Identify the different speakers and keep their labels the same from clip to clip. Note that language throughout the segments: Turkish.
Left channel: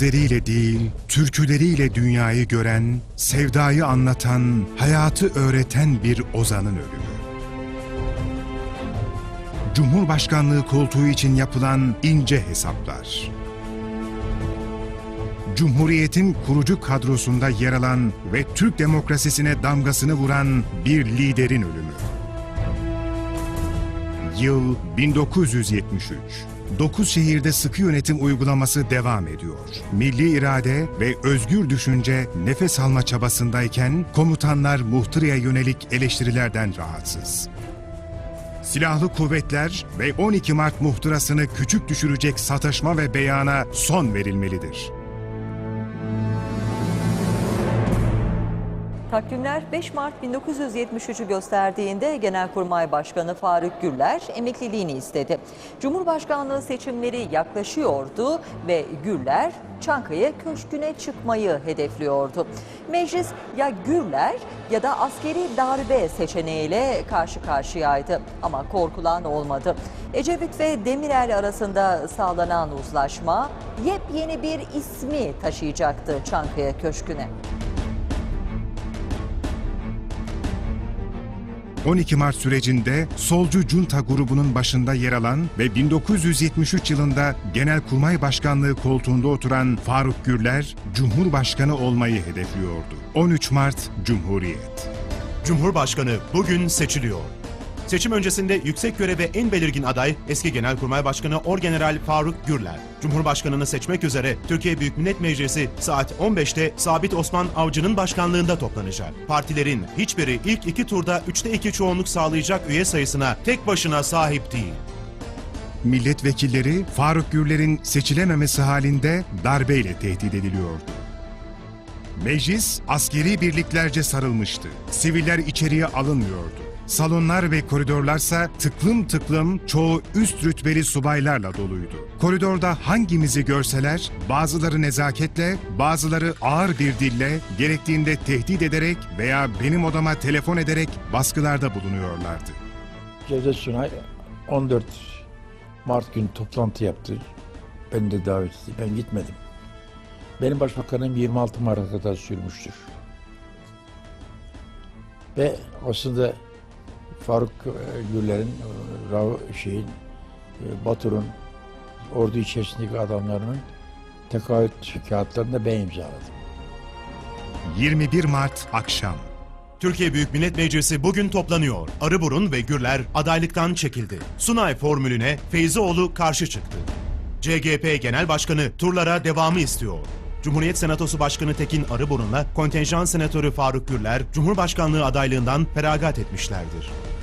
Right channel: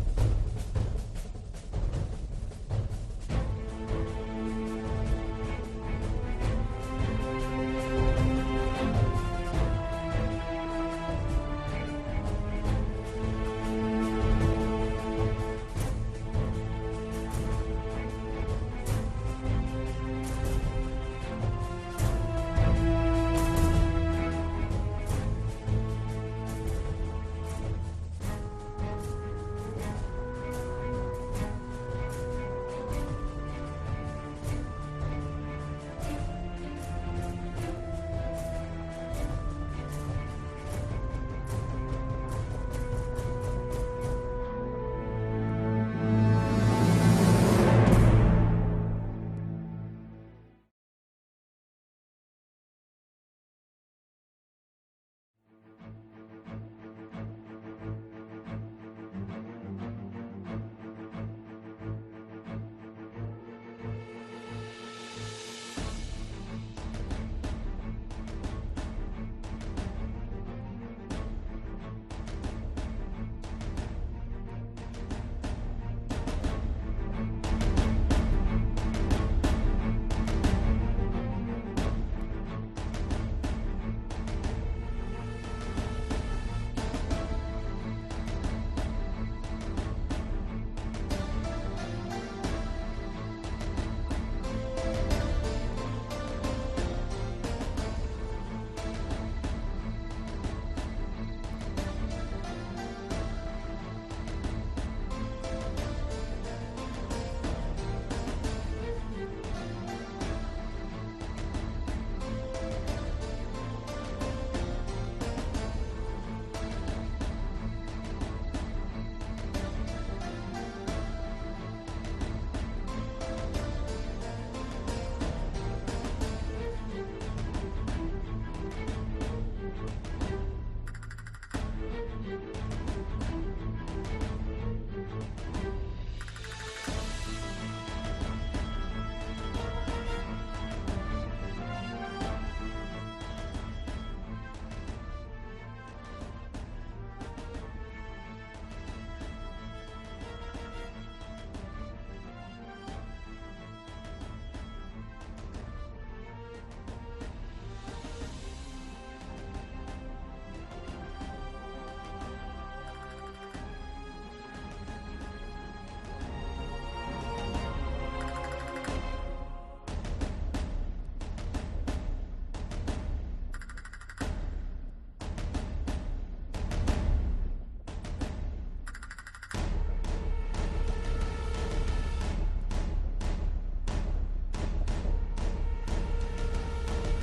Speaker 1: Gözleriyle değil, türküleriyle dünyayı gören, sevdayı anlatan, hayatı öğreten bir ozanın ölümü. Cumhurbaşkanlığı koltuğu için yapılan ince hesaplar. Cumhuriyetin kurucu kadrosunda yer alan ve Türk demokrasisine damgasını vuran bir liderin ölümü. Yıl 1973. 9 şehirde sıkı yönetim uygulaması devam ediyor. Milli irade ve özgür düşünce nefes alma çabasındayken komutanlar muhtıraya yönelik eleştirilerden rahatsız. Silahlı kuvvetler ve 12 Mart muhtırasını küçük düşürecek sataşma ve beyana son verilmelidir.
Speaker 2: Takvimler 5 Mart 1973'ü gösterdiğinde Genelkurmay Başkanı Faruk Gürler emekliliğini istedi. Cumhurbaşkanlığı seçimleri yaklaşıyordu ve Gürler Çankaya Köşkü'ne çıkmayı hedefliyordu. Meclis ya Gürler ya da askeri darbe seçeneğiyle karşı karşıyaydı ama korkulan olmadı. Ecevit ve Demirel arasında sağlanan uzlaşma yepyeni bir ismi taşıyacaktı Çankaya Köşkü'ne.
Speaker 1: 12 Mart sürecinde solcu junta grubunun başında yer alan ve 1973 yılında Genelkurmay Başkanlığı koltuğunda oturan Faruk Gürler, Cumhurbaşkanı olmayı hedefliyordu. 13 Mart Cumhuriyet.
Speaker 3: Cumhurbaşkanı bugün seçiliyor. Seçim öncesinde yüksek göreve en belirgin aday eski Genelkurmay Başkanı Orgeneral Faruk Gürler. Cumhurbaşkanını seçmek üzere Türkiye Büyük Millet Meclisi saat 15'te Sabit Osman Avcı'nın başkanlığında toplanacak. Partilerin hiçbiri ilk iki turda 3'te 2 çoğunluk sağlayacak üye sayısına tek başına sahip değil.
Speaker 1: Milletvekilleri Faruk Gürler'in seçilememesi halinde darbeyle tehdit ediliyordu. Meclis askeri birliklerce sarılmıştı. Siviller içeriye alınmıyordu. Salonlar ve koridorlarsa tıklım tıklım çoğu üst rütbeli subaylarla doluydu. Koridorda hangimizi görseler bazıları nezaketle, bazıları ağır bir dille, gerektiğinde tehdit ederek veya benim odama telefon ederek baskılarda bulunuyorlardı.
Speaker 4: Cevdet Sunay 14 Mart günü toplantı yaptı. Ben de davet ettim. Ben gitmedim. Benim başbakanım 26 Mart'a kadar sürmüştür. Ve aslında Faruk e, Güller'in, e, şeyin, e, Batur'un ordu içerisindeki adamlarının tekaüt kağıtlarını ben imzaladım.
Speaker 1: 21 Mart akşam.
Speaker 3: Türkiye Büyük Millet Meclisi bugün toplanıyor. Arıburun ve Gürler adaylıktan çekildi. Sunay formülüne Feyzioğlu karşı çıktı. CGP Genel Başkanı turlara devamı istiyor. Cumhuriyet Senatosu Başkanı Tekin Arıburun'la kontenjan senatörü Faruk Gürler, Cumhurbaşkanlığı adaylığından feragat etmişlerdir.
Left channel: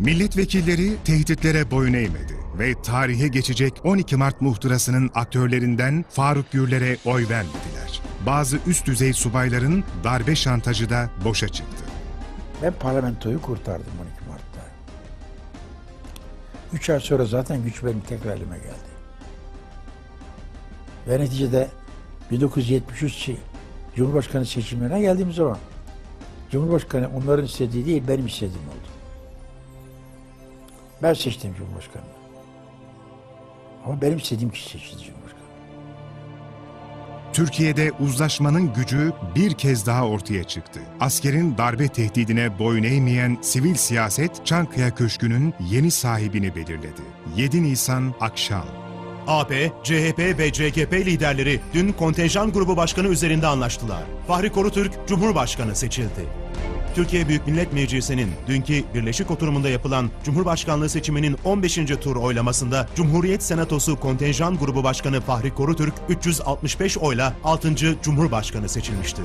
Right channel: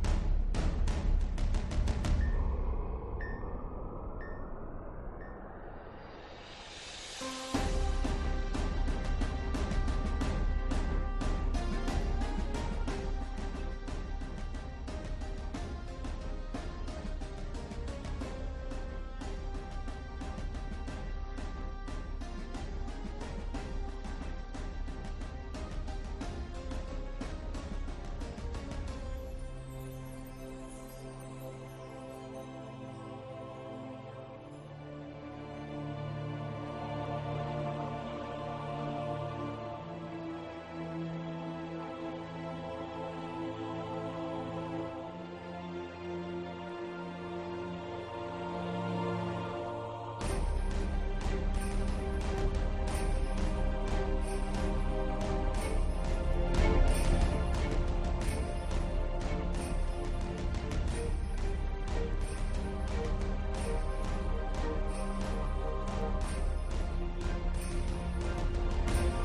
Speaker 1: Milletvekilleri tehditlere boyun eğmedi ve tarihe geçecek 12 Mart muhtırasının aktörlerinden Faruk Gürler'e oy vermediler. Bazı üst düzey subayların darbe şantajı da boşa çıktı.
Speaker 4: Ben parlamentoyu kurtardım 12 Mart'ta. Üç ay sonra zaten güç benim tekrar elime geldi. Ve neticede 1973 şey, Cumhurbaşkanı seçimlerine geldiğim zaman Cumhurbaşkanı onların istediği değil benim istediğim. Ben seçtim Cumhurbaşkanı. Ama benim istediğim kişi seçti Cumhurbaşkanı.
Speaker 1: Türkiye'de uzlaşmanın gücü bir kez daha ortaya çıktı. Askerin darbe tehdidine boyun eğmeyen sivil siyaset Çankaya Köşkü'nün yeni sahibini belirledi. 7 Nisan akşam.
Speaker 3: AP, CHP ve CKP liderleri dün kontenjan grubu başkanı üzerinde anlaştılar. Fahri Korutürk Cumhurbaşkanı seçildi. Türkiye Büyük Millet Meclisi'nin dünkü birleşik oturumunda yapılan Cumhurbaşkanlığı seçiminin 15. tur oylamasında Cumhuriyet Senatosu kontenjan grubu başkanı Fahri Korutürk 365 oyla 6. Cumhurbaşkanı seçilmiştir.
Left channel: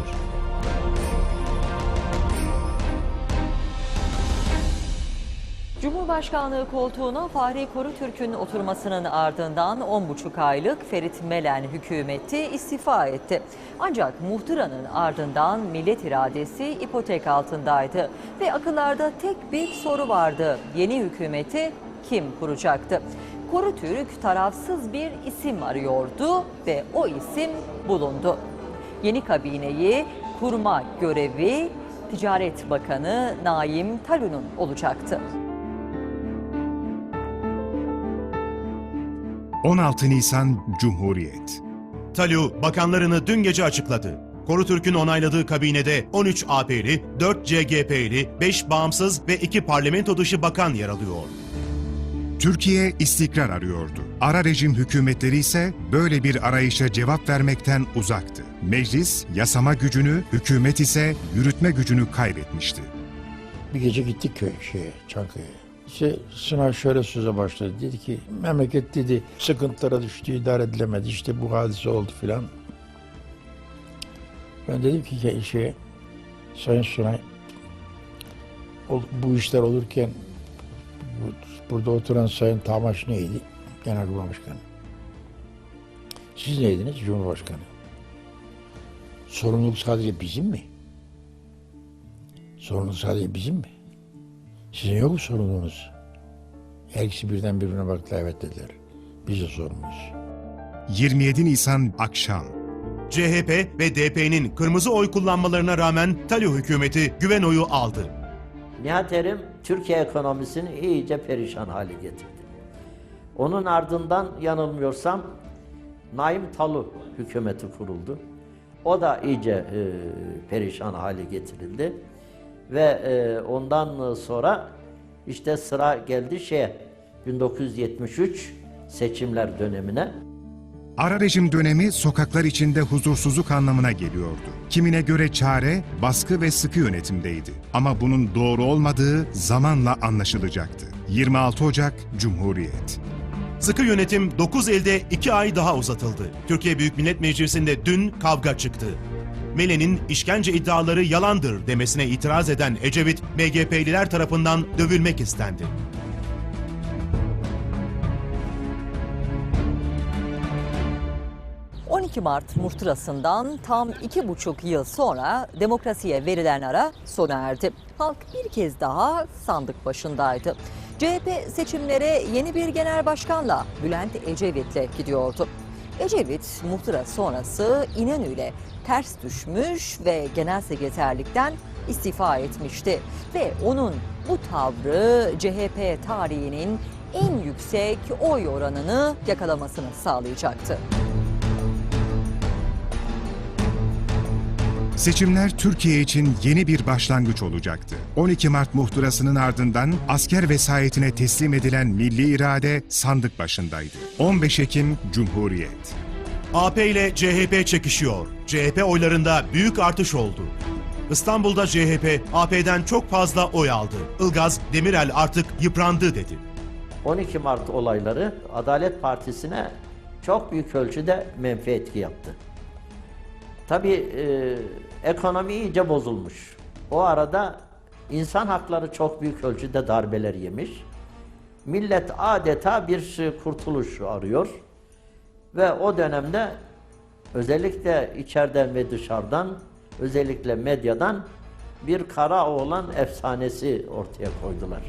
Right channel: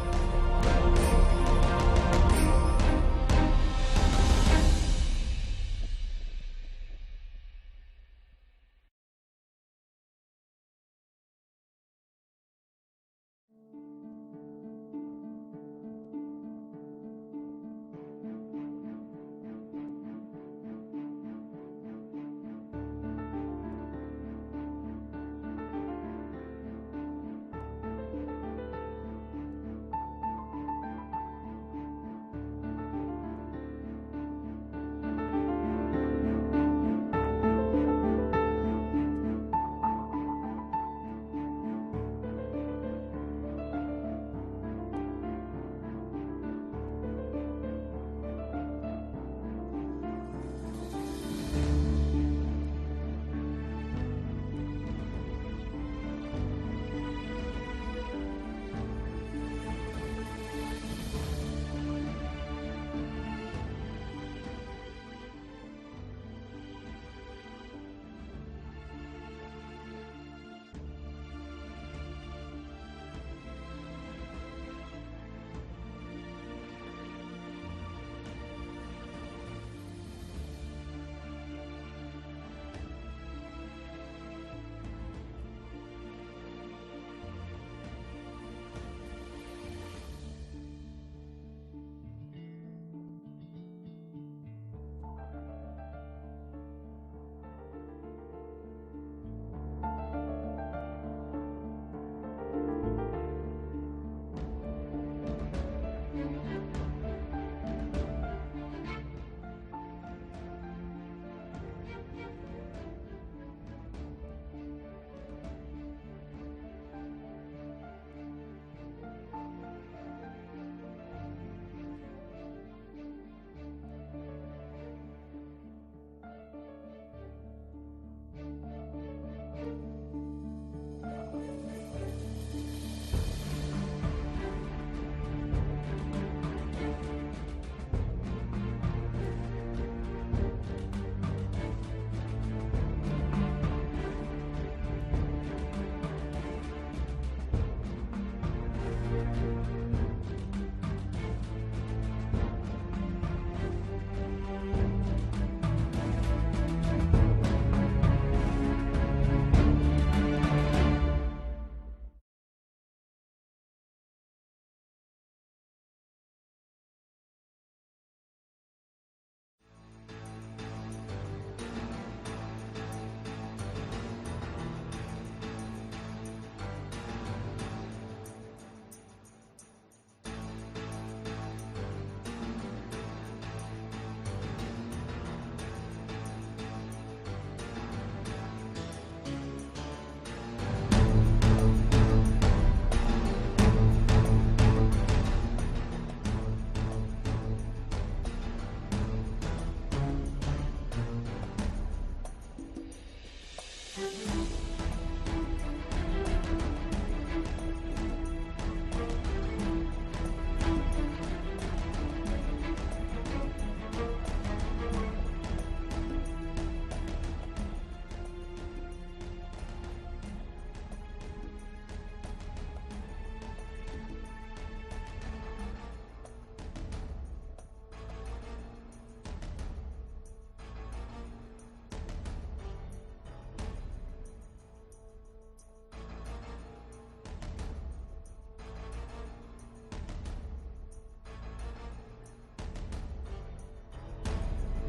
Speaker 2: Cumhurbaşkanlığı koltuğuna Fahri Korutürk'ün oturmasının ardından 10,5 aylık Ferit Melen hükümeti istifa etti. Ancak muhtıranın ardından millet iradesi ipotek altındaydı ve akıllarda tek bir soru vardı. Yeni hükümeti kim kuracaktı? Korutürk tarafsız bir isim arıyordu ve o isim bulundu. Yeni kabineyi kurma görevi Ticaret Bakanı Naim Talun'un olacaktı.
Speaker 1: 16 Nisan Cumhuriyet.
Speaker 3: Talyu bakanlarını dün gece açıkladı. Korutürk'ün onayladığı kabinede 13 AP'li, 4 CGP'li, 5 bağımsız ve 2 parlamento dışı bakan yer alıyor.
Speaker 1: Türkiye istikrar arıyordu. Ara rejim hükümetleri ise böyle bir arayışa cevap vermekten uzaktı. Meclis yasama gücünü, hükümet ise yürütme gücünü kaybetmişti.
Speaker 4: Bir gece gittik köy şeye, Çankaya'ya. İşte sınav şöyle söze başladı. Dedi ki memleket dedi sıkıntılara düştü, idare edilemedi. İşte bu hadise oldu filan. Ben dedim ki şeye, Sayın Sunay, bu işler olurken bu- burada oturan Sayın Tamaş neydi? Genelkurmay Başkanı. Siz neydiniz? Cumhurbaşkanı. Sorumluluk sadece bizim mi? Sorumluluk sadece bizim mi? Sizin yok mu sorumluluğunuz? Her ikisi birden birbirine baktılar evet dediler. Biz de sorumluyuz.
Speaker 1: 27 Nisan akşam.
Speaker 3: CHP ve DP'nin kırmızı oy kullanmalarına rağmen Talyu hükümeti güven oyu aldı.
Speaker 5: Nihat Erim Türkiye ekonomisini iyice perişan hale getirdi. Onun ardından yanılmıyorsam Naim Talu hükümeti kuruldu. O da iyice e, perişan hale getirildi. Ve e, ondan sonra işte sıra geldi şeye 1973 seçimler dönemine.
Speaker 1: Ara rejim dönemi sokaklar içinde huzursuzluk anlamına geliyordu. Kimine göre çare baskı ve sıkı yönetimdeydi. Ama bunun doğru olmadığı zamanla anlaşılacaktı. 26 Ocak Cumhuriyet.
Speaker 3: Sıkı yönetim 9 elde 2 ay daha uzatıldı. Türkiye Büyük Millet Meclisi'nde dün kavga çıktı. Mele'nin işkence iddiaları yalandır demesine itiraz eden Ecevit, BGP'liler tarafından dövülmek istendi.
Speaker 2: Hı. 12 Mart muhtırasından tam iki buçuk yıl sonra demokrasiye verilen ara sona erdi. Halk bir kez daha sandık başındaydı. CHP seçimlere yeni bir genel başkanla Bülent Ecevit'le gidiyordu. Ecevit muhtıra sonrası İnönü'yle ters düşmüş ve genel sekreterlikten istifa etmişti. Ve onun bu tavrı CHP tarihinin en yüksek oy oranını yakalamasını sağlayacaktı.
Speaker 1: Seçimler Türkiye için yeni bir başlangıç olacaktı. 12 Mart muhtırasının ardından asker vesayetine teslim edilen milli irade sandık başındaydı. 15 Ekim Cumhuriyet.
Speaker 3: AP ile CHP çekişiyor. CHP oylarında büyük artış oldu. İstanbul'da CHP AP'den çok fazla oy aldı. Ilgaz Demirel artık yıprandı dedi.
Speaker 5: 12 Mart olayları Adalet Partisi'ne çok büyük ölçüde menfi etki yaptı. Tabii e, ekonomi iyice bozulmuş. O arada insan hakları çok büyük ölçüde darbeler yemiş. Millet adeta bir e, kurtuluş arıyor. Ve o dönemde özellikle içeriden ve dışarıdan, özellikle medyadan bir kara oğlan efsanesi ortaya koydular.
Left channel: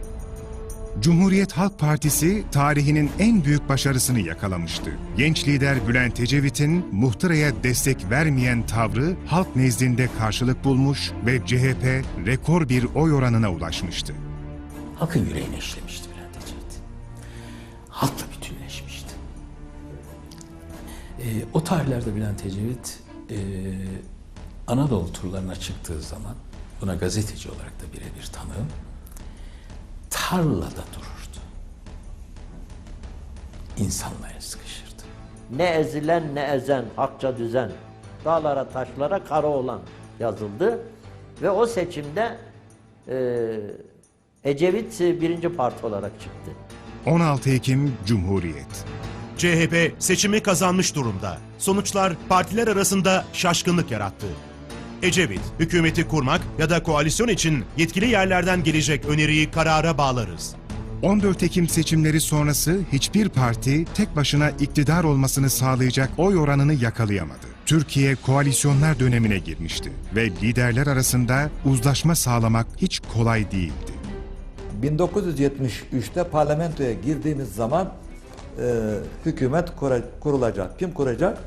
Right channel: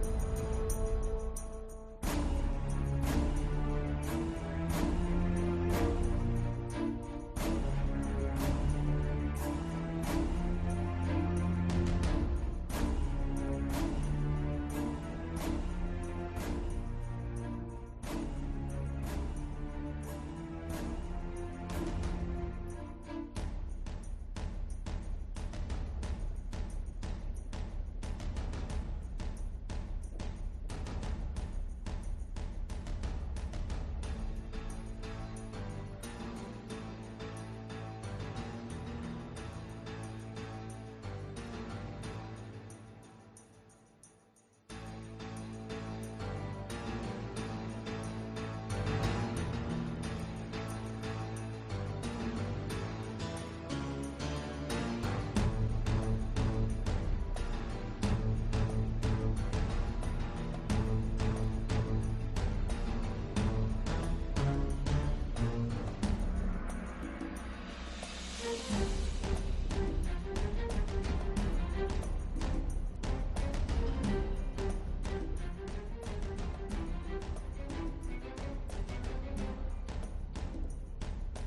Speaker 1: Cumhuriyet Halk Partisi tarihinin en büyük başarısını yakalamıştı. Genç lider Bülent Ecevit'in muhtıraya destek vermeyen tavrı halk nezdinde karşılık bulmuş ve CHP rekor bir oy oranına ulaşmıştı.
Speaker 6: halkın yüreğine işlemişti Bülent Ecevit. Halkla bütünleşmişti. Ee, o tarihlerde Bülent Ecevit e, Anadolu turlarına çıktığı zaman buna gazeteci olarak da birebir tanığım. Tarlada dururdu. İnsanla el sıkışırdı.
Speaker 5: Ne ezilen ne ezen, hakça düzen, dağlara taşlara kara olan yazıldı. Ve o seçimde e, Ecevit birinci parti olarak çıktı.
Speaker 1: 16 Ekim Cumhuriyet.
Speaker 3: CHP seçimi kazanmış durumda. Sonuçlar partiler arasında şaşkınlık yarattı. Ecevit, hükümeti kurmak ya da koalisyon için yetkili yerlerden gelecek öneriyi karara bağlarız.
Speaker 1: 14 Ekim seçimleri sonrası hiçbir parti tek başına iktidar olmasını sağlayacak oy oranını yakalayamadı. Türkiye koalisyonlar dönemine girmişti ve liderler arasında uzlaşma sağlamak hiç kolay değildi.
Speaker 7: 1973'te parlamentoya girdiğimiz zaman hükümet kura- kurulacak. Kim kuracak?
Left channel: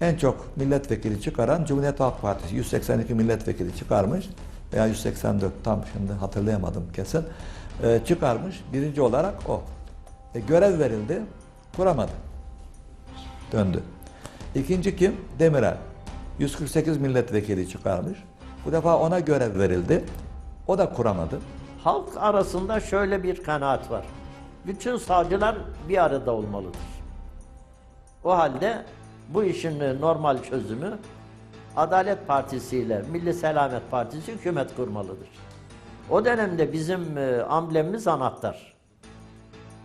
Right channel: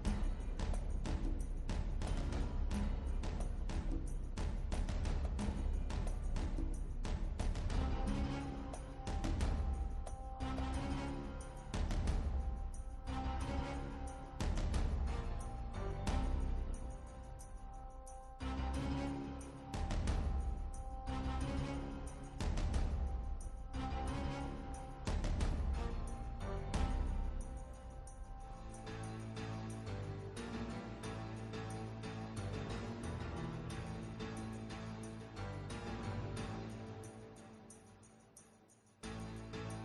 Speaker 7: En çok milletvekili çıkaran Cumhuriyet Halk Partisi 182 milletvekili çıkarmış veya 184 tam şimdi hatırlayamadım kesin. E, çıkarmış. Birinci olarak o. E, görev verildi. Kuramadı. Döndü. İkinci kim? Demirel. 148 milletvekili çıkarmış. Bu defa ona görev verildi. O da kuramadı.
Speaker 5: Halk arasında şöyle bir kanaat var. Bütün savcılar bir arada olmalıdır. O halde bu işin e, normal çözümü Adalet Partisi ile Milli Selamet Partisi hükümet kurmalıdır. O dönemde bizim e, amblemimiz anahtar.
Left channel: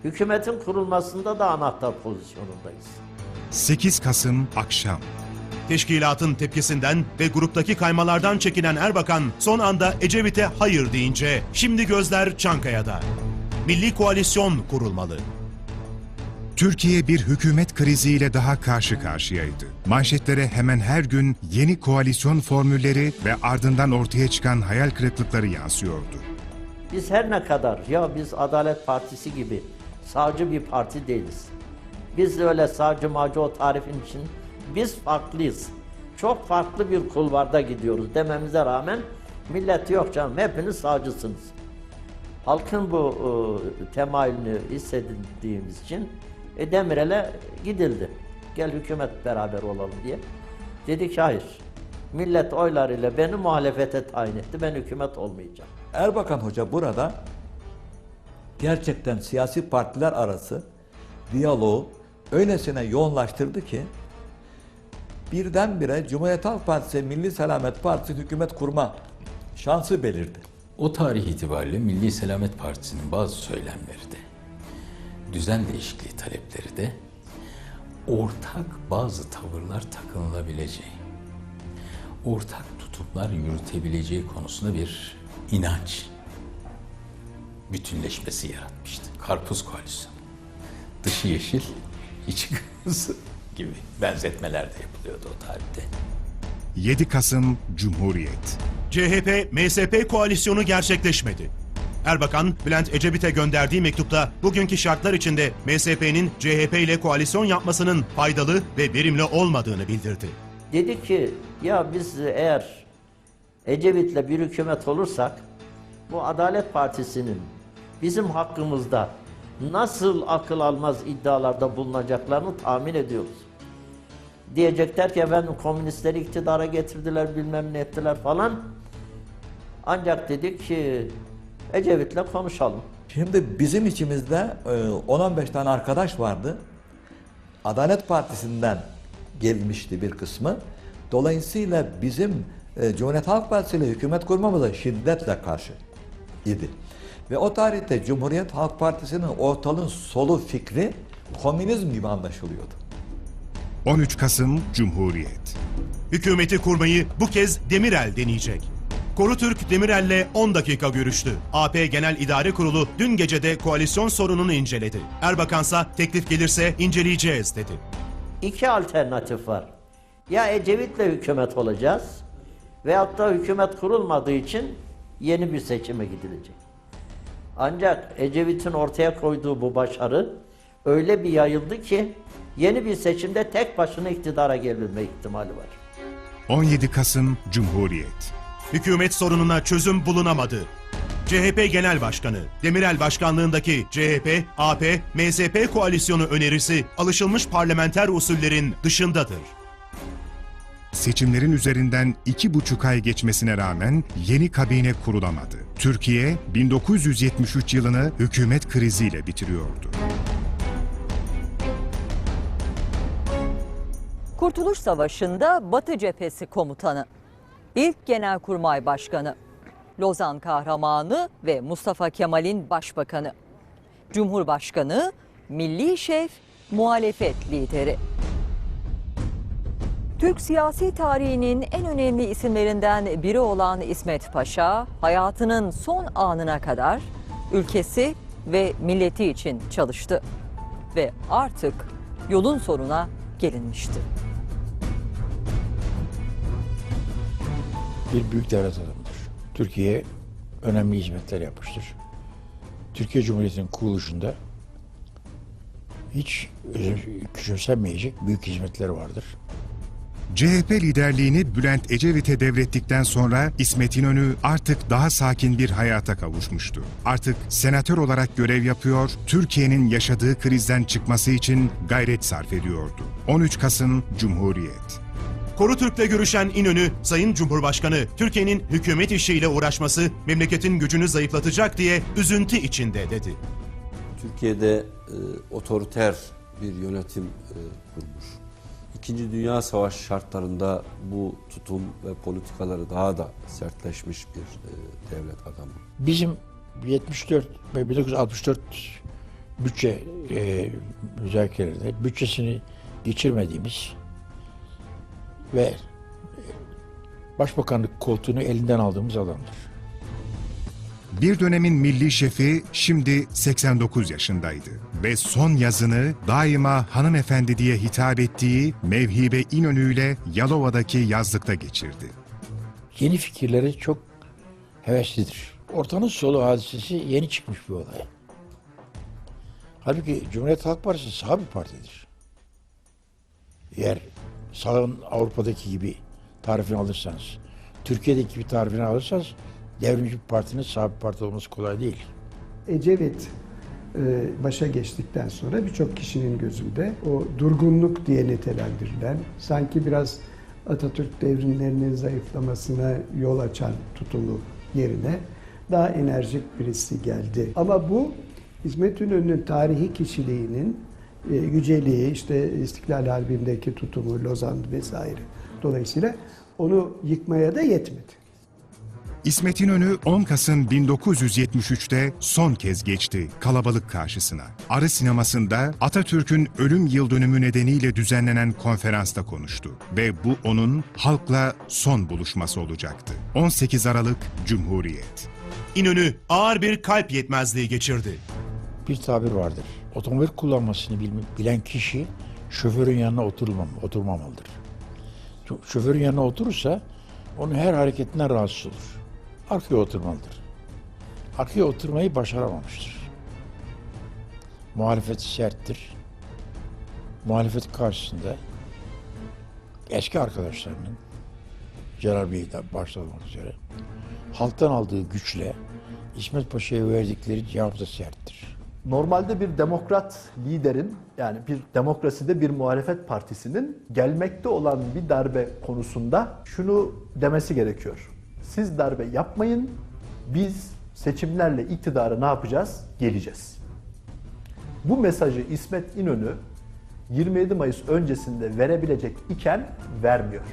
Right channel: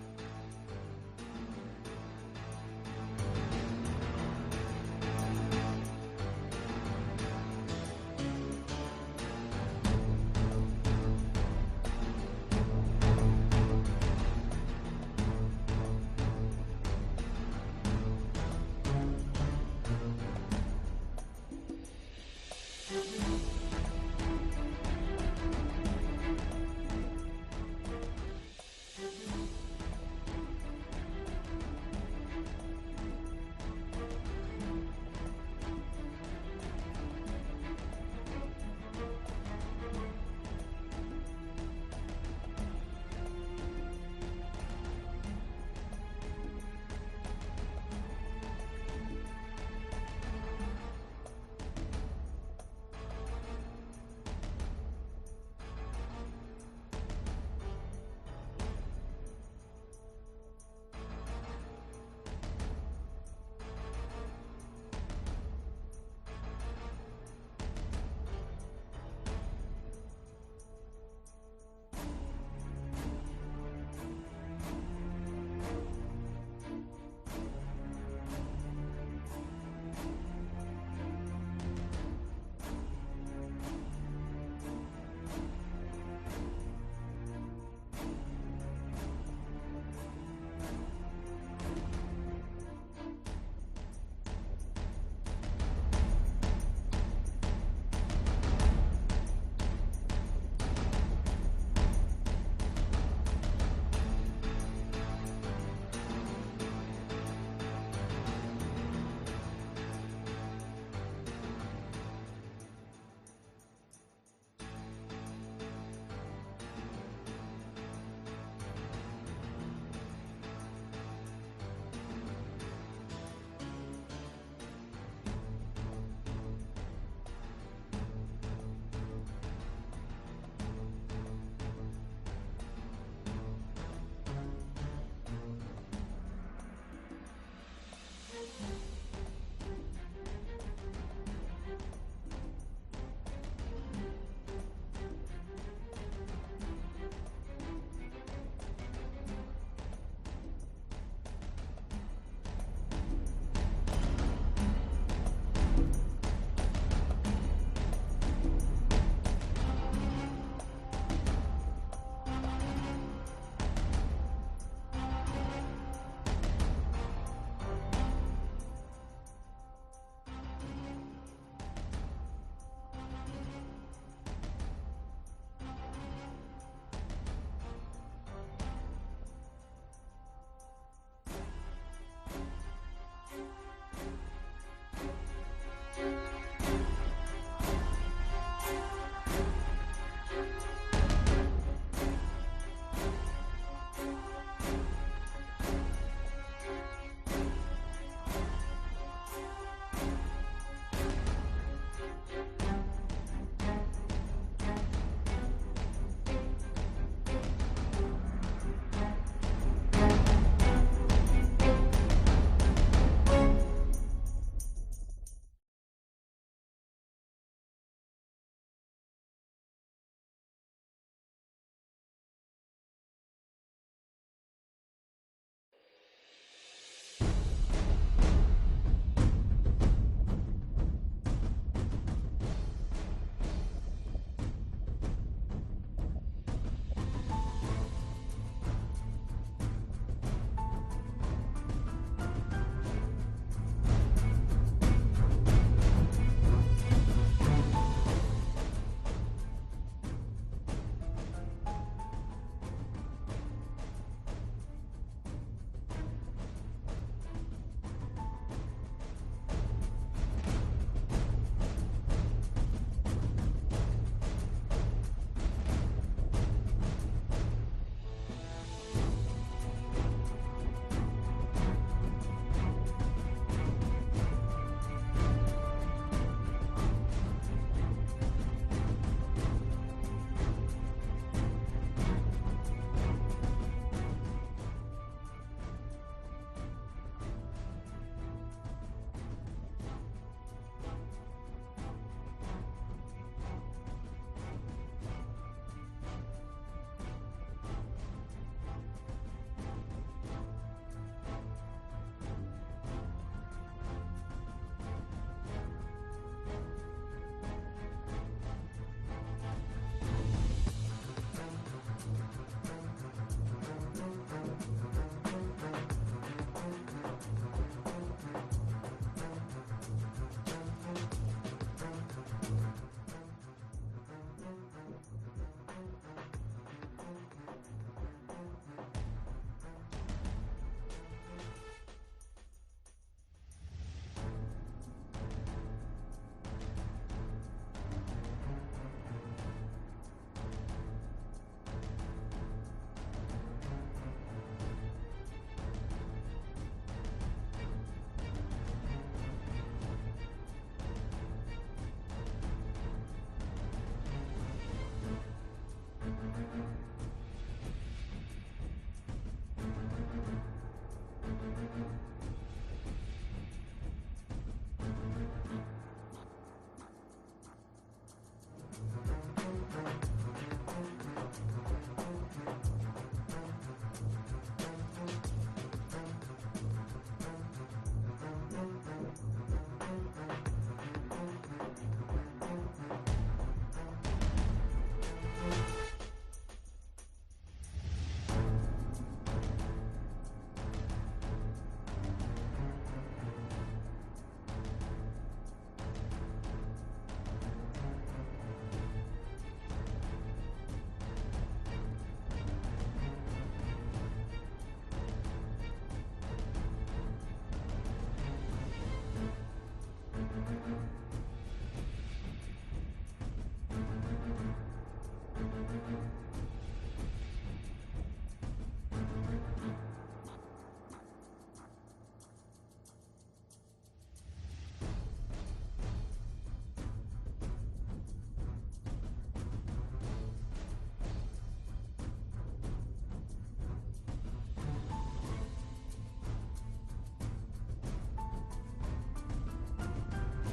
Speaker 5: Hükümetin kurulmasında da anahtar pozisyonundayız.
Speaker 1: 8 Kasım akşam.
Speaker 3: Teşkilatın tepkisinden ve gruptaki kaymalardan çekinen Erbakan son anda Ecevit'e hayır deyince şimdi gözler Çankaya'da. Milli koalisyon kurulmalı.
Speaker 1: Türkiye bir hükümet kriziyle daha karşı karşıyaydı. Manşetlere hemen her gün yeni koalisyon formülleri ve ardından ortaya çıkan hayal kırıklıkları yansıyordu.
Speaker 5: Biz her ne kadar ya biz Adalet Partisi gibi sağcı bir parti değiliz. Biz de öyle sağcı macı o tarifin için biz farklıyız. Çok farklı bir kulvarda gidiyoruz dememize rağmen millet yok canım hepiniz sağcısınız. Halkın bu e, temayülünü hissedildiğimiz için e, Demirel'e gidildi. Gel hükümet beraber olalım diye. Dedi ki hayır. Millet oylarıyla beni muhalefete tayin etti. Ben hükümet olmayacağım.
Speaker 7: Erbakan Hoca burada gerçekten siyasi partiler arası diyaloğu öylesine yoğunlaştırdı ki birdenbire Cumhuriyet Halk Partisi, Milli Selamet Partisi hükümet kurma şansı belirdi.
Speaker 6: O tarih itibariyle Milli Selamet Partisi'nin bazı söylemleri de, düzen değişikliği talepleri de ortak bazı tavırlar takınılabileceği, ortak tutumlar yürütebileceği konusunda bir inanç bütünleşmesi yaratmıştı. Karpuz koalisyonu. Dışı yeşil, içi kırmızı gibi benzetmeler de yapılıyordu o tarihte.
Speaker 1: 7 Kasım Cumhuriyet.
Speaker 3: CHP, MSP koalisyonu gerçekleşmedi. Erbakan, Bülent Ecevit'e gönderdiği mektupta bugünkü şartlar içinde MSP'nin CHP ile koalisyon yapmasının faydalı ve verimli olmadığını bildirdi.
Speaker 5: Dedi ki ya biz eğer Ecevit'le bir hükümet olursak bu Adalet Partisi'nin bizim hakkımızda nasıl akıl almaz iddialarda bulunacaklarını tahmin ediyoruz. Diyecekler ki efendim komünistleri iktidara getirdiler bilmem ne ettiler falan. Ancak dedik ki Ecevit'le konuşalım.
Speaker 7: Şimdi bizim içimizde e, 10-15 tane arkadaş vardı. Adalet Partisi'nden gelmişti bir kısmı. Dolayısıyla bizim e, Cumhuriyet Halk Partisi ile hükümet kurmamıza şiddetle karşı idi. Ve o tarihte Cumhuriyet Halk Partisi'nin ortalığın solu fikri komünizm gibi anlaşılıyordu.
Speaker 1: 13 Kasım Cumhuriyet.
Speaker 3: Hükümeti kurmayı bu kez Demirel deneyecek. Korutürk Demirel'le 10 dakika görüştü. AP Genel İdare Kurulu dün gecede koalisyon sorununu inceledi. Erbakansa teklif gelirse inceleyeceğiz dedi.
Speaker 5: İki alternatif var. Ya Ecevit'le hükümet olacağız veyahut da hükümet kurulmadığı için yeni bir seçime gidilecek. Ancak Ecevit'in ortaya koyduğu bu başarı öyle bir yayıldı ki yeni bir seçimde tek başına iktidara gelme ihtimali var.
Speaker 1: 17 Kasım Cumhuriyet.
Speaker 3: Hükümet sorununa çözüm bulunamadı. CHP Genel Başkanı Demirel Başkanlığındaki CHP, AP, MSP koalisyonu önerisi alışılmış parlamenter usullerin dışındadır.
Speaker 1: Seçimlerin üzerinden iki buçuk ay geçmesine rağmen yeni kabine kurulamadı. Türkiye 1973 yılını hükümet kriziyle bitiriyordu.
Speaker 2: Kurtuluş Savaşı'nda Batı Cephesi Komutanı, İlk Genelkurmay Başkanı, Lozan Kahramanı ve Mustafa Kemal'in Başbakanı, Cumhurbaşkanı, Milli Şef, muhalefet lideri. Türk siyasi tarihinin en önemli isimlerinden biri olan İsmet Paşa, hayatının son anına kadar ülkesi ve milleti için çalıştı. Ve artık yolun sonuna gelinmişti.
Speaker 4: Bir büyük devlet adamıdır. Türkiye'ye önemli hizmetler yapmıştır. Türkiye Cumhuriyeti'nin kuruluşunda hiç küçümsenmeyecek büyük hizmetleri vardır.
Speaker 1: CHP liderliğini Bülent Ecevit'e devrettikten sonra İsmet İnönü artık daha sakin bir hayata kavuşmuştu. Artık senatör olarak görev yapıyor, Türkiye'nin yaşadığı krizden çıkması için gayret sarf ediyordu. 13 Kasım Cumhuriyet.
Speaker 3: Koru Türk'le görüşen İnönü, Sayın Cumhurbaşkanı, Türkiye'nin hükümet işiyle uğraşması memleketin gücünü zayıflatacak diye üzüntü içinde dedi.
Speaker 8: Türkiye'de e, otoriter bir yönetim e, kurmuş. İkinci Dünya Savaşı şartlarında bu tutum ve politikaları daha da sertleşmiş bir e, devlet adamı.
Speaker 4: Bizim 74 ve 1964 bütçe e, müzakerelerinde bütçesini geçirmediğimiz ve başbakanlık koltuğunu elinden aldığımız adamdır.
Speaker 1: Bir dönemin milli şefi şimdi 89 yaşındaydı ve son yazını daima hanımefendi diye hitap ettiği Mevhibe İnönü ile Yalova'daki yazlıkta geçirdi.
Speaker 4: Yeni fikirleri çok heveslidir. Ortanın solu hadisesi yeni çıkmış bir olay. Halbuki Cumhuriyet Halk Partisi sağ bir partidir. Eğer sağın Avrupa'daki gibi tarifini alırsanız, Türkiye'deki gibi tarifini alırsanız devrimci bir partinin sağ bir parti olması kolay değil.
Speaker 9: Ecevit e, başa geçtikten sonra birçok kişinin gözünde o durgunluk diye nitelendirilen, sanki biraz Atatürk devrimlerinin zayıflamasına yol açan tutumu yerine daha enerjik birisi geldi. Ama bu İsmet İnönü'nün tarihi kişiliğinin yüceliği, işte İstiklal Harbi'ndeki tutumu, Lozan vesaire. Dolayısıyla onu yıkmaya da yetmedi.
Speaker 1: İsmet İnönü 10 Kasım 1973'te son kez geçti kalabalık karşısına. Arı sinemasında Atatürk'ün ölüm yıl dönümü nedeniyle düzenlenen konferansta konuştu. Ve bu onun halkla son buluşması olacaktı. 18 Aralık Cumhuriyet.
Speaker 3: İnönü ağır bir kalp yetmezliği geçirdi.
Speaker 4: bir tabir vardır. Otomobil kullanmasını bilen kişi şoförün yanına oturmam, oturmamalıdır. Şoförün yanına oturursa onun her hareketinden rahatsız olur. Arkaya oturmalıdır. Arkaya oturmayı başaramamıştır. Muhalefeti serttir. Muhalefet karşısında eski arkadaşlarının Celal Bey'den başta olmak üzere halktan aldığı güçle İsmet Paşa'ya verdikleri cevap da serttir.
Speaker 10: Normalde bir demokrat liderin yani bir demokraside bir muhalefet partisinin gelmekte olan bir darbe konusunda şunu demesi gerekiyor. Siz darbe yapmayın, biz seçimlerle iktidara ne yapacağız? Geleceğiz. Bu mesajı İsmet İnönü 27 Mayıs öncesinde verebilecek iken vermiyor.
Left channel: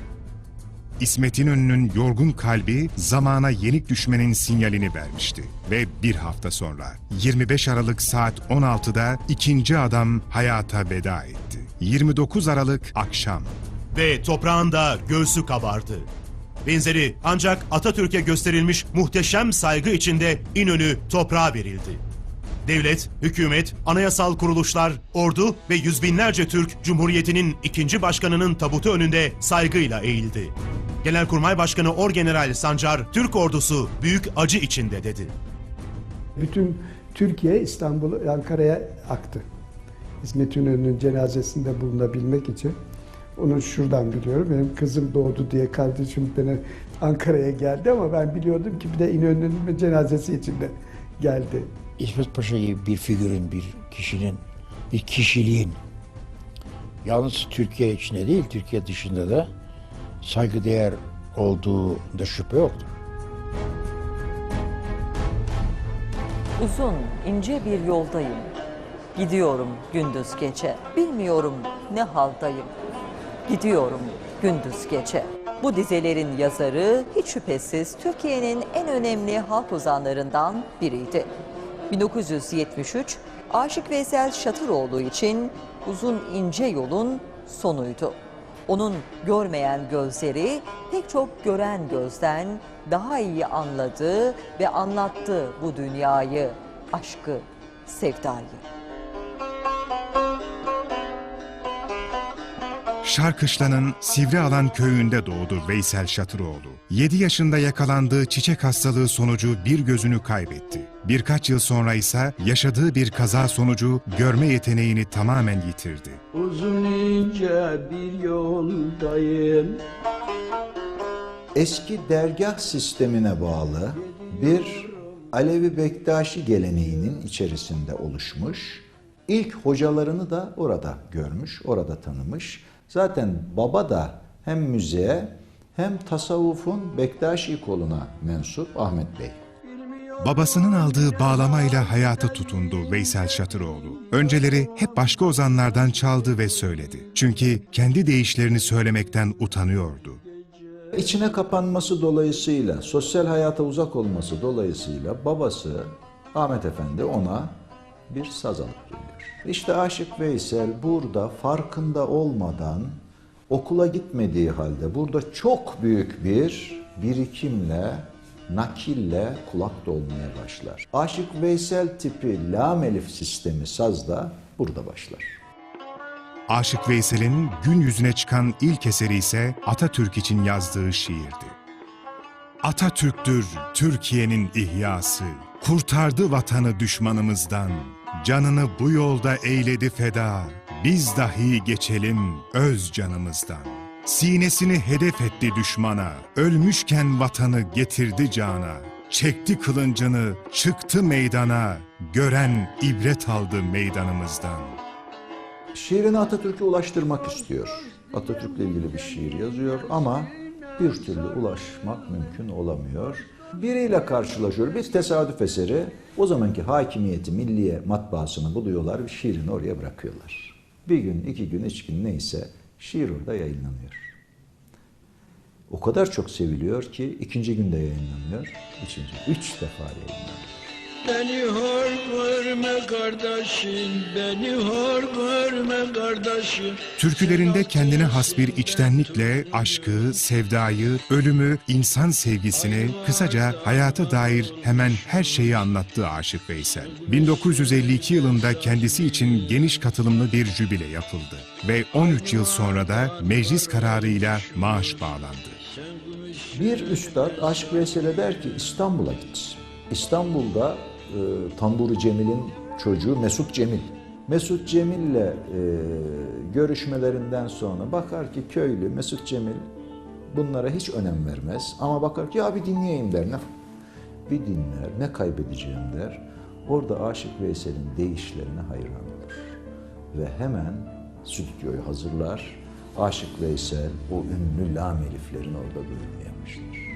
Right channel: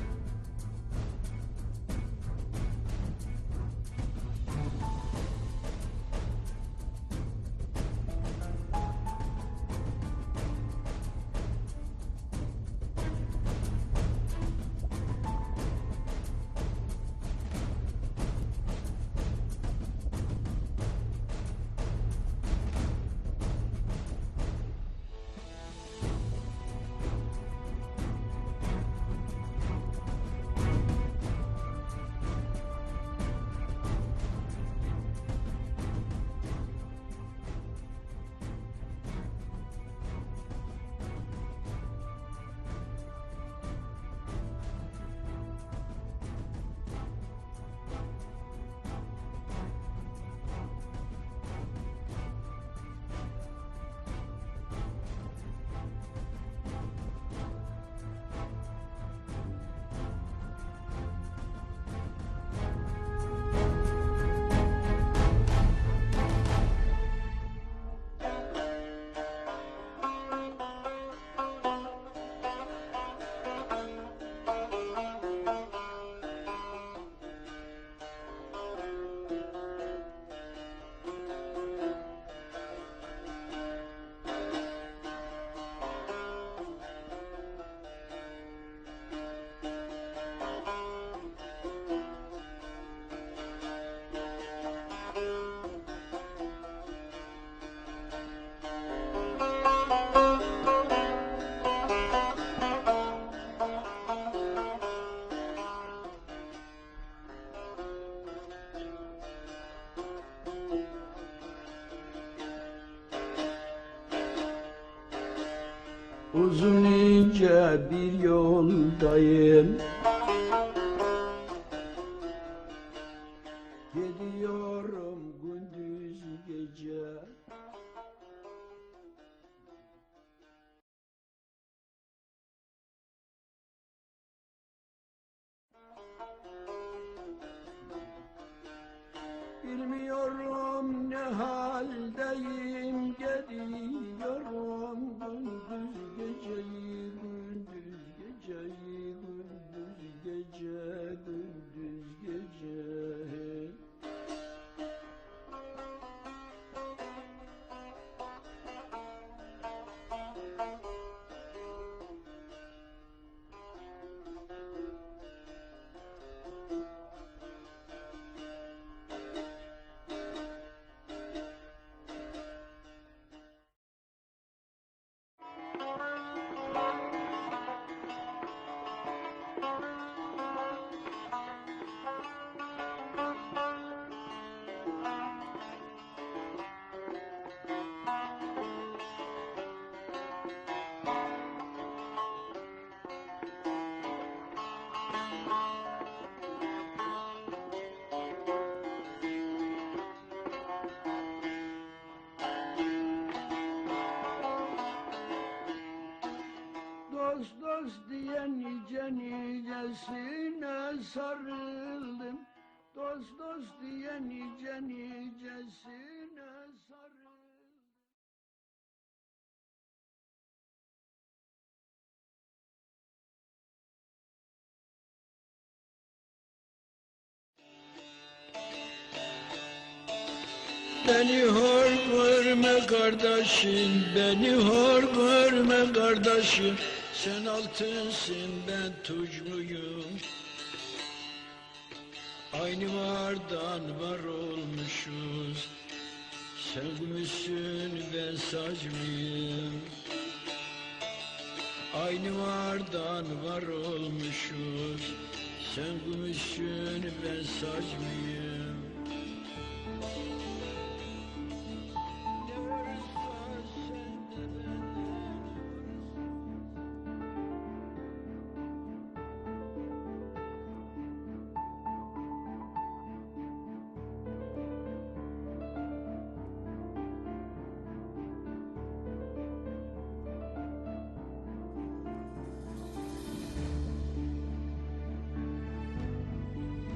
Speaker 1: İsmet İnönü'nün yorgun kalbi zamana yenik düşmenin sinyalini vermişti. Ve bir hafta sonra 25 Aralık saat 16'da ikinci adam hayata veda etti. 29 Aralık akşam.
Speaker 3: Ve toprağında göğsü kabardı. Benzeri ancak Atatürk'e gösterilmiş muhteşem saygı içinde İnönü toprağa verildi. Devlet, hükümet, anayasal kuruluşlar, ordu ve yüz binlerce Türk Cumhuriyeti'nin ikinci başkanının tabutu önünde saygıyla eğildi. Genelkurmay Başkanı Orgeneral Sancar, Türk ordusu büyük acı içinde dedi.
Speaker 9: Bütün Türkiye İstanbul, Ankara'ya aktı. İsmet İnönü'nün cenazesinde bulunabilmek için. Onu şuradan biliyorum. Benim kızım doğdu diye kardeşim beni Ankara'ya geldi ama ben biliyordum ki bir de İnönü'nün cenazesi için de geldi.
Speaker 4: İsmet Paşa gibi bir figürün, bir kişinin, bir kişiliğin yalnız Türkiye içinde değil, Türkiye dışında da saygıdeğer olduğu da şüphe yoktur.
Speaker 2: Uzun, ince bir yoldayım. Gidiyorum gündüz gece. Bilmiyorum ne haldayım. Gidiyorum gündüz gece. Bu dizelerin yazarı hiç şüphesiz Türkiye'nin en önemli halk ozanlarından biriydi. 1973 Aşık Veysel Şatıroğlu için uzun ince yolun sonuydu. Onun görmeyen gözleri pek çok gören gözden daha iyi anladı ve anlattı bu dünyayı, aşkı, sevdayı.
Speaker 1: Şarkışla'nın Sivrialan köyünde doğdu Veysel Şatıroğlu. 7 yaşında yakalandığı çiçek hastalığı sonucu bir gözünü kaybetti. Birkaç yıl sonra ise yaşadığı bir kaza sonucu görme yeteneğini tamamen yitirdi.
Speaker 11: Uzun ince bir yoldayım
Speaker 12: Eski dergah sistemine bağlı bir Alevi Bektaşi geleneğinin içerisinde oluşmuş. İlk hocalarını da orada görmüş, orada tanımış. Zaten baba da hem müzeye hem tasavvufun Bektaşi koluna mensup Ahmet Bey.
Speaker 1: Babasının aldığı bağlamayla hayata tutundu Veysel Şatıroğlu. Önceleri hep başka ozanlardan çaldı ve söyledi. Çünkü kendi deyişlerini söylemekten utanıyordu.
Speaker 12: İçine kapanması dolayısıyla, sosyal hayata uzak olması dolayısıyla babası Ahmet Efendi ona bir saz geliyor. İşte Aşık Veysel burada farkında olmadan okula gitmediği halde burada çok büyük bir birikimle, nakille kulak dolmaya başlar. Aşık Veysel tipi lam elif sistemi sazda burada başlar.
Speaker 1: Aşık Veysel'in gün yüzüne çıkan ilk eseri ise Atatürk için yazdığı şiirdi. Atatürk'tür Türkiye'nin ihyası, kurtardı vatanı düşmanımızdan. Canını bu yolda eyledi feda, biz dahi geçelim öz canımızdan. Sinesini hedef etti düşmana, ölmüşken vatanı getirdi cana. Çekti kılıncını, çıktı meydana, gören ibret aldı meydanımızdan.
Speaker 12: Şiirini Atatürk'e ulaştırmak istiyor. Atatürk'le ilgili bir şiir yazıyor ama bir türlü ulaşmak mümkün olamıyor. Biriyle karşılaşıyor. Bir tesadüf eseri o zamanki hakimiyeti milliye matbaasını buluyorlar ve şiirini oraya bırakıyorlar. Bir gün, iki gün, üç gün neyse şiir orada yayınlanıyor. O kadar çok seviliyor ki ikinci günde yayınlanıyor. Üçüncü, üç defa yayınlanıyor.
Speaker 11: Beni hor görme kardeşim Beni hor görme kardeşim
Speaker 1: Türkülerinde kendine has bir içtenlikle aşkı, sevdayı, ölümü, insan sevgisini, kısaca hayata dair hemen her şeyi anlattı Aşık Veysel. 1952 yılında kendisi için geniş katılımlı bir jübile yapıldı ve 13 yıl sonra da meclis kararıyla maaş bağlandı.
Speaker 12: Bir üstad Aşık Veysel'e der ki İstanbul'a git. İstanbul'da e, Tamburi Cemil'in çocuğu Mesut Cemil. Mesut Cemil'le e, görüşmelerinden sonra bakar ki köylü Mesut Cemil bunlara hiç önem vermez. Ama bakar ki ya bir dinleyeyim der. Ne, bir dinler, ne kaybedeceğim der. Orada Aşık Veysel'in deyişlerine hayran olur. Ve hemen stüdyoyu hazırlar. Aşık Veysel o ünlü lam eliflerini orada dinlemeye başlar.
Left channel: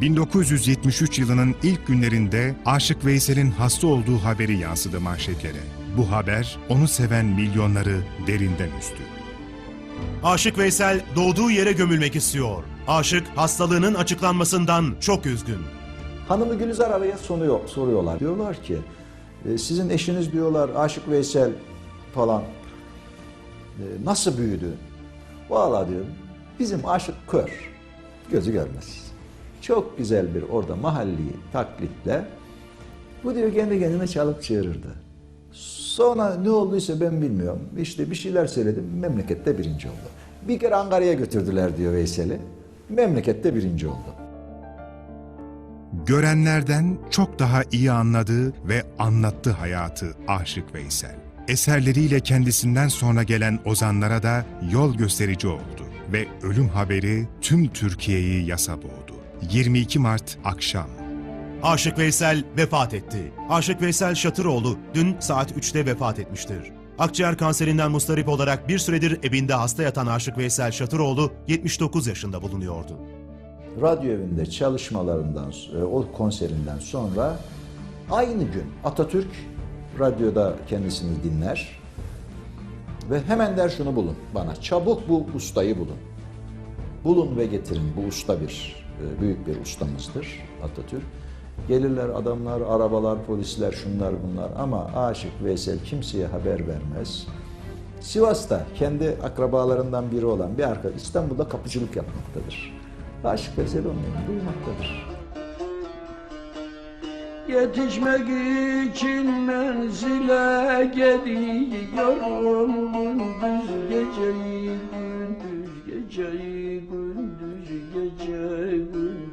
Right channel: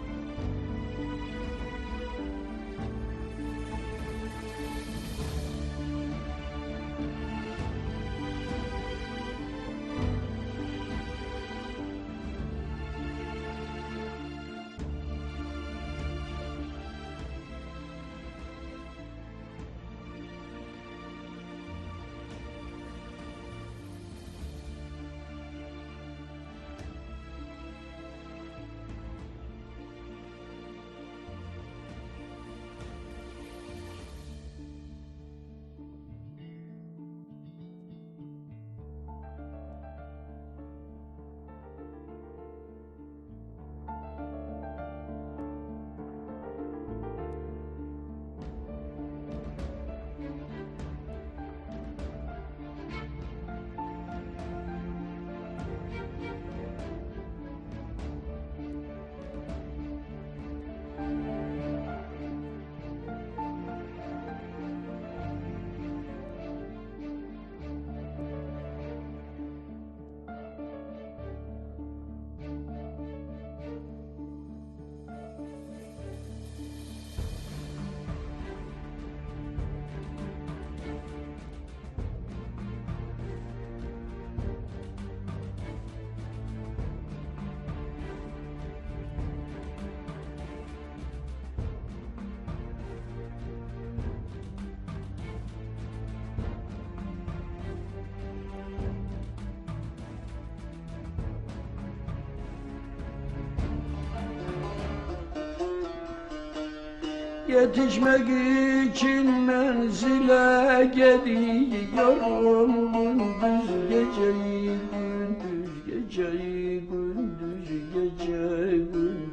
Speaker 1: 1973 yılının ilk günlerinde Aşık Veysel'in hasta olduğu haberi yansıdı manşetlere. Bu haber onu seven milyonları derinden üzdü.
Speaker 3: Aşık Veysel doğduğu yere gömülmek istiyor. Aşık hastalığının açıklanmasından çok üzgün.
Speaker 12: Hanımı Gülizar araya soruyor, soruyorlar. Diyorlar ki e, sizin eşiniz diyorlar Aşık Veysel falan e, nasıl büyüdü? Valla diyor bizim aşık kör. Gözü görmez. Çok güzel bir orada mahalli taklitle bu diyor kendi kendine çalıp çığırırdı. Sonra ne olduysa ben bilmiyorum. İşte bir şeyler söyledim. Memlekette birinci oldu. Bir kere Ankara'ya götürdüler diyor Veysel'i. Memlekette birinci oldu.
Speaker 1: Görenlerden çok daha iyi anladı ve anlattı hayatı Aşık Veysel. Eserleriyle kendisinden sonra gelen ozanlara da yol gösterici oldu ve ölüm haberi tüm Türkiye'yi yasa boğdu. 22 Mart akşam.
Speaker 3: Aşık Veysel vefat etti. Aşık Veysel Şatıroğlu dün saat 3'te vefat etmiştir. Akciğer kanserinden mustarip olarak bir süredir evinde hasta yatan Aşık Veysel Şatıroğlu 79 yaşında bulunuyordu.
Speaker 12: radyo evinde çalışmalarından, e, o konserinden sonra aynı gün Atatürk radyoda kendisini dinler ve hemen der şunu bulun bana, çabuk bu ustayı bulun. Bulun ve getirin, bu usta bir, büyük bir ustamızdır Atatürk. Gelirler adamlar, arabalar, polisler, şunlar bunlar ama Aşık Veysel kimseye haber vermez. Sivas'ta kendi akrabalarından biri olan bir arkadaş İstanbul'da kapıcılık yapmaktadır. Aşık Veysel onun.
Speaker 11: Yetişmek için menzile gidiyorum Gündüz geceyi gündüz geceyi gündüz gündüz